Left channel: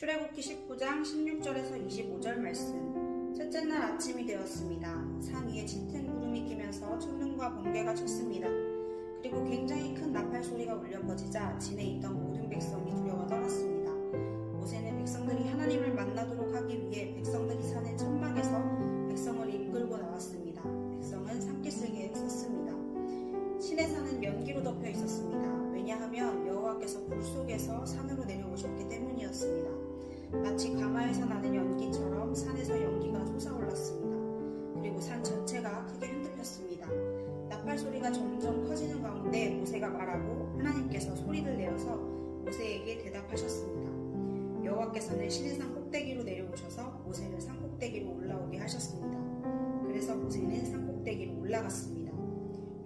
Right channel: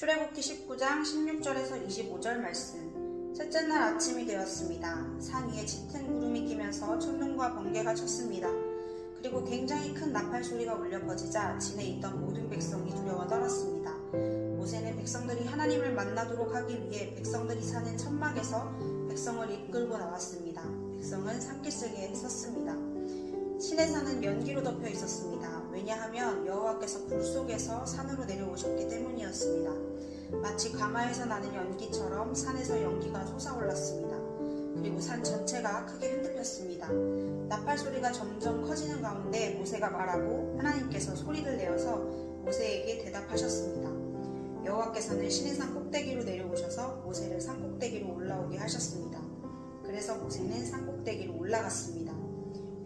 출애굽기 19장 16절에서 25절 말씀. 셋째 날 아침이 되었습니다. 산 위에 짙은 구름이 끼면서 천둥과 번개가 쳤습니다. 그리고 굉장히 큰 나팔 소리가 울려 퍼지자 진에 있던 모든 백성이 두려워 떨었습니다. 모세는 백성들이 하나님을 만나도록 하기 위해 백성들이 사는 천막에서 백성을 이끌고 나왔습니다. 백성은 산기슭에 섰습니다. 산은 연기로 덮여. 왜냐하면 여호와께서 불 속에서 산으로 내려오셨기 때문이었습니다. 마치 가마에서 나는 연기처럼 산에서 연기가 솟아올랐습니다. 그리고 산 전체가 크게 흔들렸습니다. 나팔 소리가 점점 커지는 가운데 모세가 말하고 하나님께서 소리를 내어서 모세에게 대답하셨습니다. 여호와께서는 신의 산 꼭대기로 내려오셔서 모세를 산 꼭대기로 올라오게 하셨습니다. 그래서 모세는 산 꼭대기로 올라갔습니다.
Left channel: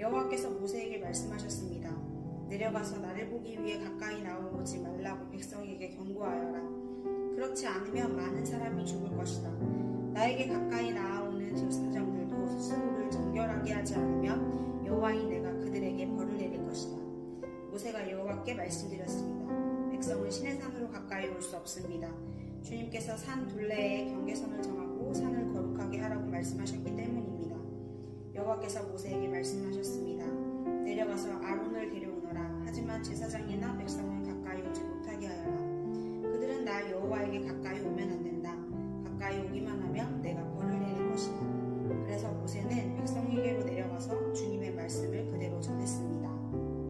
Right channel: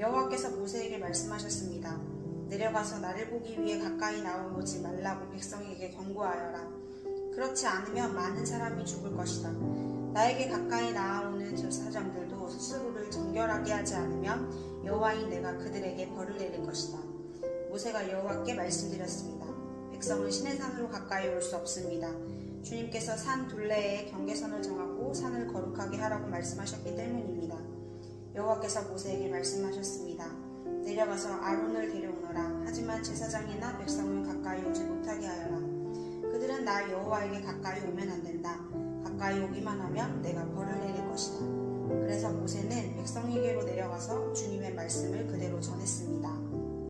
여호와께서 모세에게 말씀하셨습니다. 내려가서 나를 보기 위해 가까이 나오지 말라고 백성에게 경고하여라. 그렇지 않으면 많은 사람이 죽을 것이다. 나에게 가까이 나아오는 제사장들도 스스로를 정결하게 하지 않으면 여호와인 내가 그들에게 벌을 내릴 것이다. 모세가 여호와께 말씀드렸습니다. 백성은 신의 산으로 가까이 올 수 없습니다. 주님께서 산 둘레에 경계선을 정하고 산을 거룩하게 하라고 말씀하셨기 때문입니다. 여호와께서 모세에게 말씀하셨습니다. 내려가서 아론을. 하지만 제사장이나 백성은 가까이 오지 못하게 하여라. 그들은 나 여호와에게 가까이 오면 안 된다. 가까이 오기만 하면 내가 벌을 내릴 것이다. 그래서 모세는 백성에게로 내려가서 주님의 말씀을 그대로 전했습니다.